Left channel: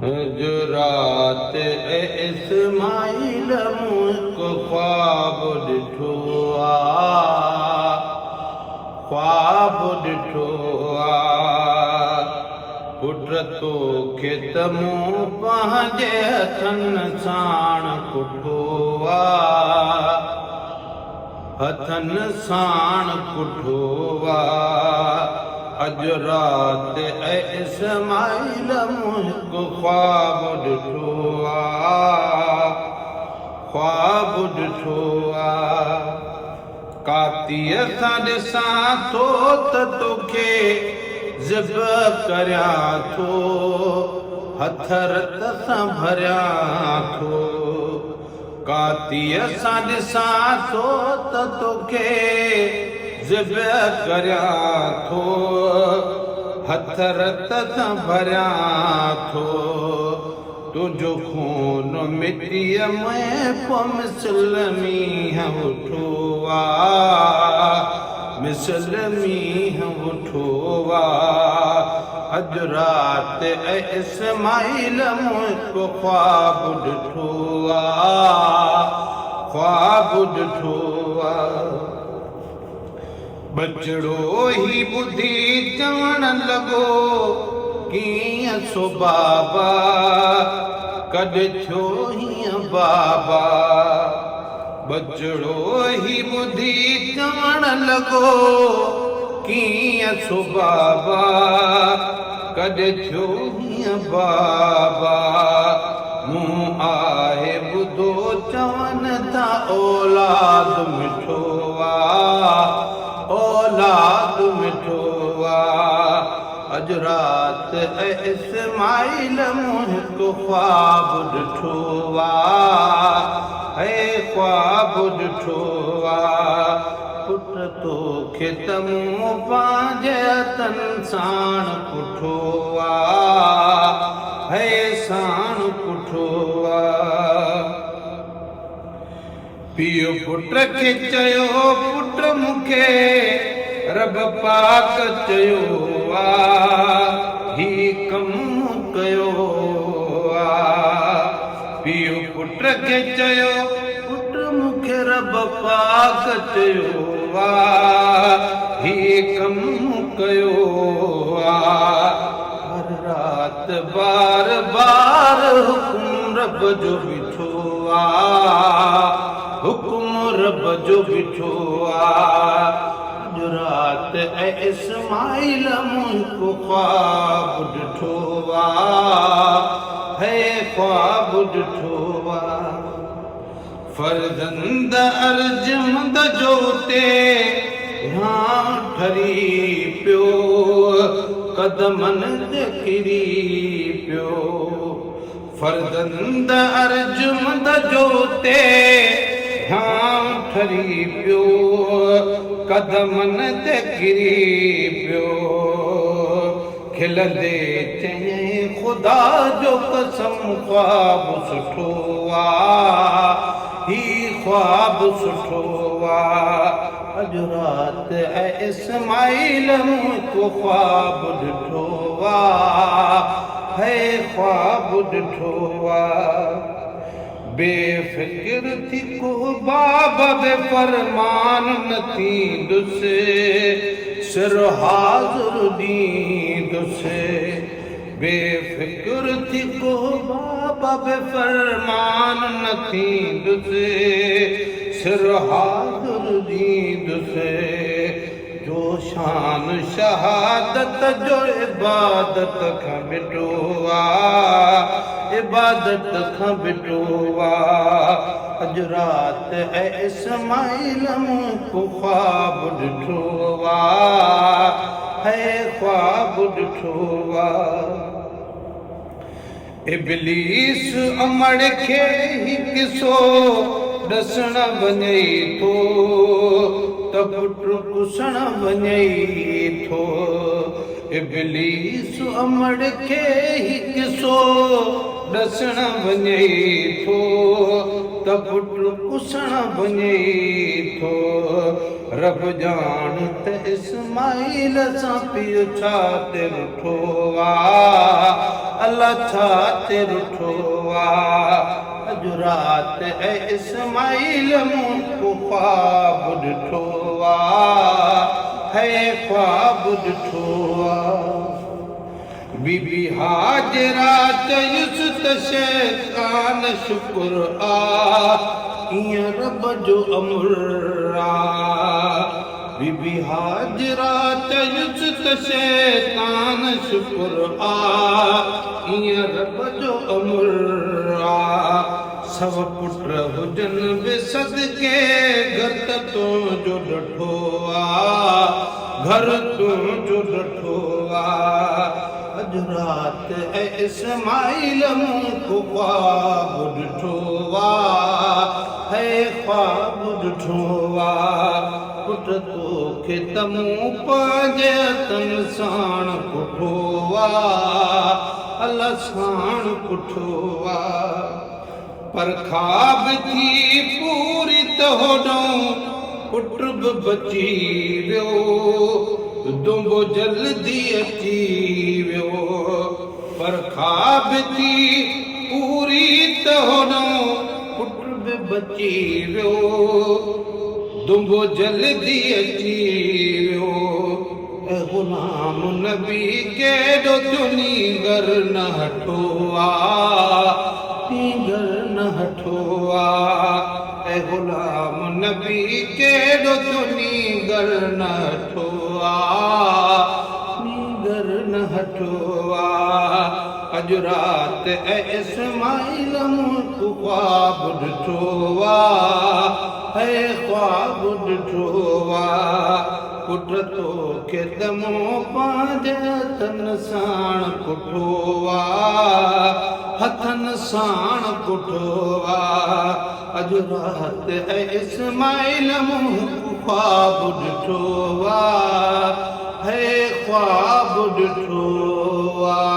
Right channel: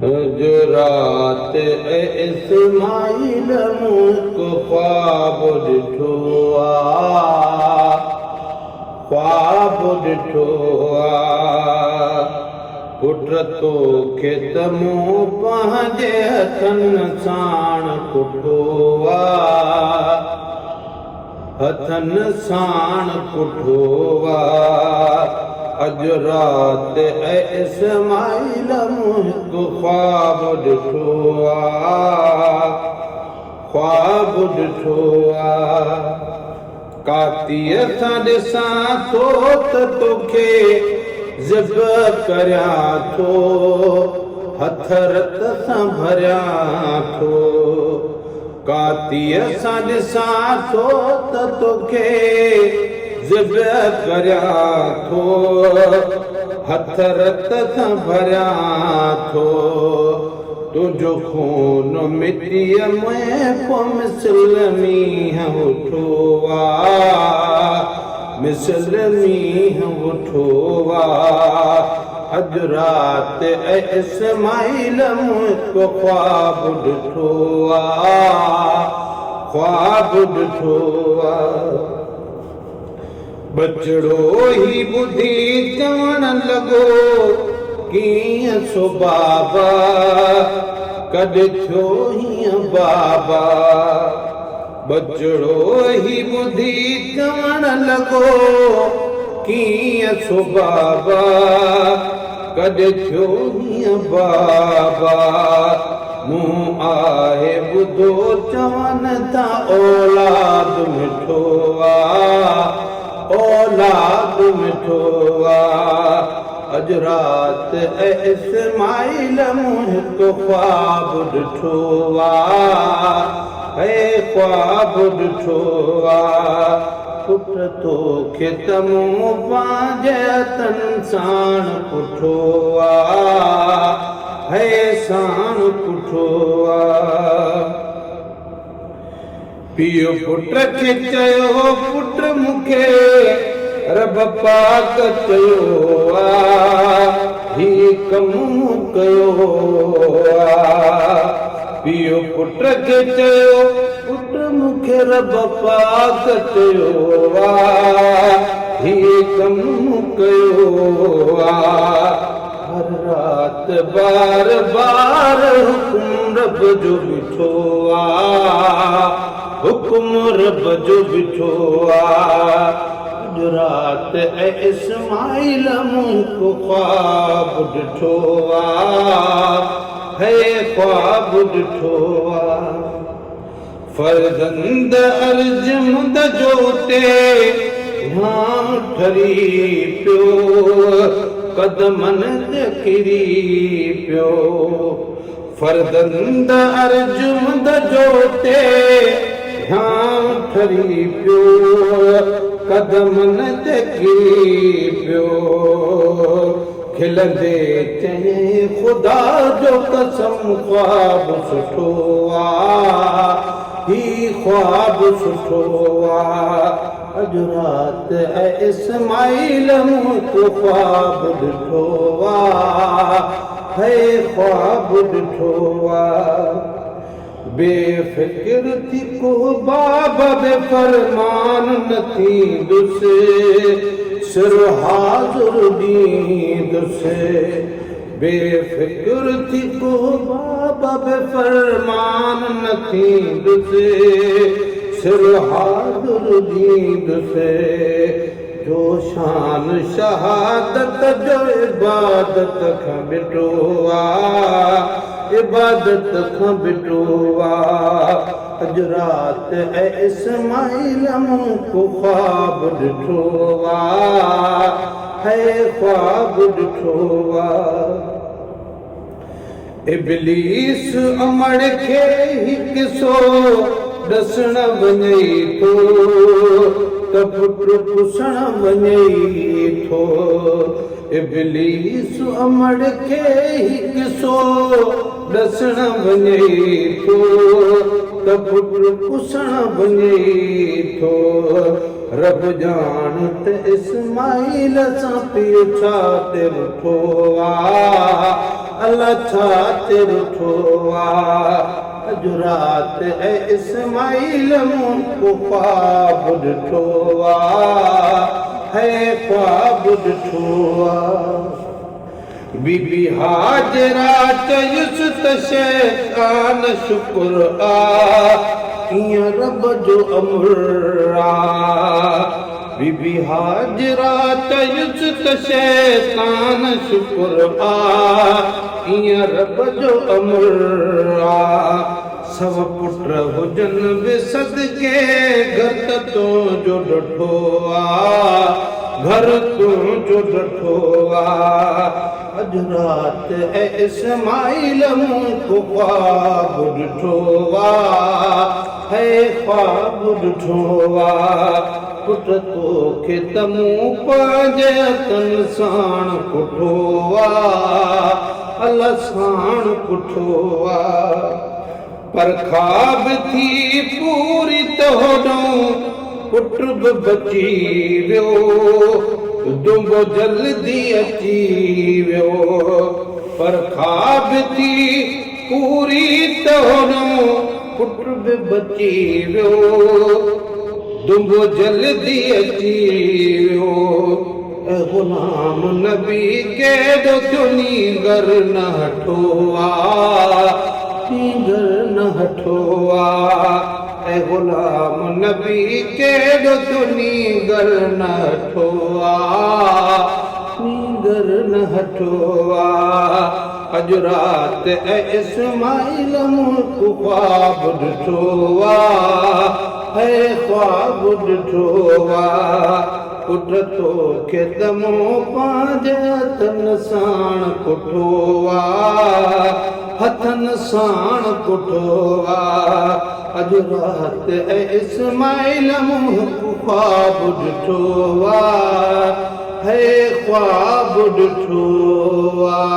जो रात इस्माइल मुल्क ख्वाब ॾिठो ख्वाब ॾिठो पुट तोखे त मूं पंहिंजे हथनि साण कुठो हथनि साण कुठो अॼु रात इस्माइल मुल्क ख्वाब ॾिठो ख्वाब ॾिठो कातीअ सां ॾिसां थो त तोखे ज़िब करियां थो हथ रत सां भरियां थो कातीअ सां ॾिसां थो त तोखे ज़िब करियां थो हथ रत सां भरियां थो तुंहिंजो खून मिटीअ में पोइ मिसल मींहं उठो मिसल मींहं उठो अॼु रात इस्माइल मुल्क ख्वाब ॾिठो ख्वाब ॾिठो बचड़ो ही ॿुधी चवण लॻो कीअं सो बाबा कॾहिं थियो हीअं बाबा बचड़ो ही ॿुधी चवण लॻो कीअं सो बाबा कॾहिं थियो हीअं बाबा मूं आहे ॿुधो चवनि था औलाद मिठो औलाद मिठो अॼु रात इस्माइल मुल्क ख्वाब ॾिठो ख्वाब ॾिठो पुट तोखे त मूं पंहिंजे हथनि साण कुठो साण कुठो पीउ पुट खे चयो पुट मूंखे रब पाक चयो ही कमु कयो पीउ पुट खे चयो पुट मूंखे रब पाक चयो ही कमु कयो हर रात बार बार हुकुम रब जो बीठो हुकुम रब जो बीठो अॼु रात इस्माइल मुल्क ख्वाब ॾिठो ख्वाब ॾिठो फर्ज़ंद अर्जुमंद जो ते ठरी पियो कदमनि ते किरी पियो फर्ज़ंद अर्जुमंद जो ते ठरी पियो कदमनि ते किरी पियो खिलंदे चयईं ख़ुदा जो कसम ख्वाब सुठो ही ख्वाब सुठो अॼु रात इस्माइल मुल्क ख्वाब ॾिठो ख्वाब ॾिठो बेफ़िक्र थी को बाब बेफ़रमान न थींदुसि सिर हाज़ुर ॾींदुसि बेफ़िक्र थी को बाब बेफ़रमान न थींदुसि सिर हाज़ुर ॾींदुसि जो शान शहादत जो इबादत खां मिटो इबादत खां बिठो अॼु रात इस्माइल मुल्क ख्वाब ॾिठो ख्वाब ॾिठो इब्लीस अमड़ खे हिकु सो ॾसण वञई थो त पुट पुसण वञई थो इब्लीस अमड़ खे हिकु सो ॾसण वञई थो त पुट पुसण वञई थो रब जान त इस्माइल सां पीउ छा ते रुठो आ अल्लाह छा ते रुठो आ अॼु राति ऐं इस्माइल मूं को ख्वाब ॾिठो आ है ख्वाब ॾिठो आ बीबी हाजरा चयुस त शैतान शुक्र आ कीअं रब जो अमर आ बीबी हाजरा चयुस त शैतान शुक्र आ कीअं रब जो अमर आ सव पुट हुजनि बि सदके घर तुंहिंजो ॾठो आ घर तुंहिंजो ॾठो आ अॼु राति ऐं इस्माइल मूं को ख्वाब ॾिठो आ है ख्वाब ॾिठो आ पुट तोखे त मूं पंहिंजे हथनि साण कुठो आ अल्लाह साण कुठो आ पर ख्वाब थी पूरी त होॾऊं पुट बि बची वियो दुंबो जल्दी अची वियो पर ख्वाब थी पूरी त होॾऊं पुट बि बची वियो दुंबो जल्दी अची वियो ऐं गुलाम नबी केॾो थियो नींगर न हठो आ नींगर न हठो आ ऐं गुलाम नबी केॾो थियो नींगर न हठो आ नींगर न हठो आ अॼु राति ऐं इस्माइल मूं को ख्वाब ॾिठो आ है ख्वाब ॾिठो आ पुट तोखे त मूं पंहिंजे हथनि साण कुठो आ हथनि साण कुठो आ अॼु राति ऐं इस्माइल मूं को ख्वाब ॾिठो आ है ख्वाब ॾिठो आ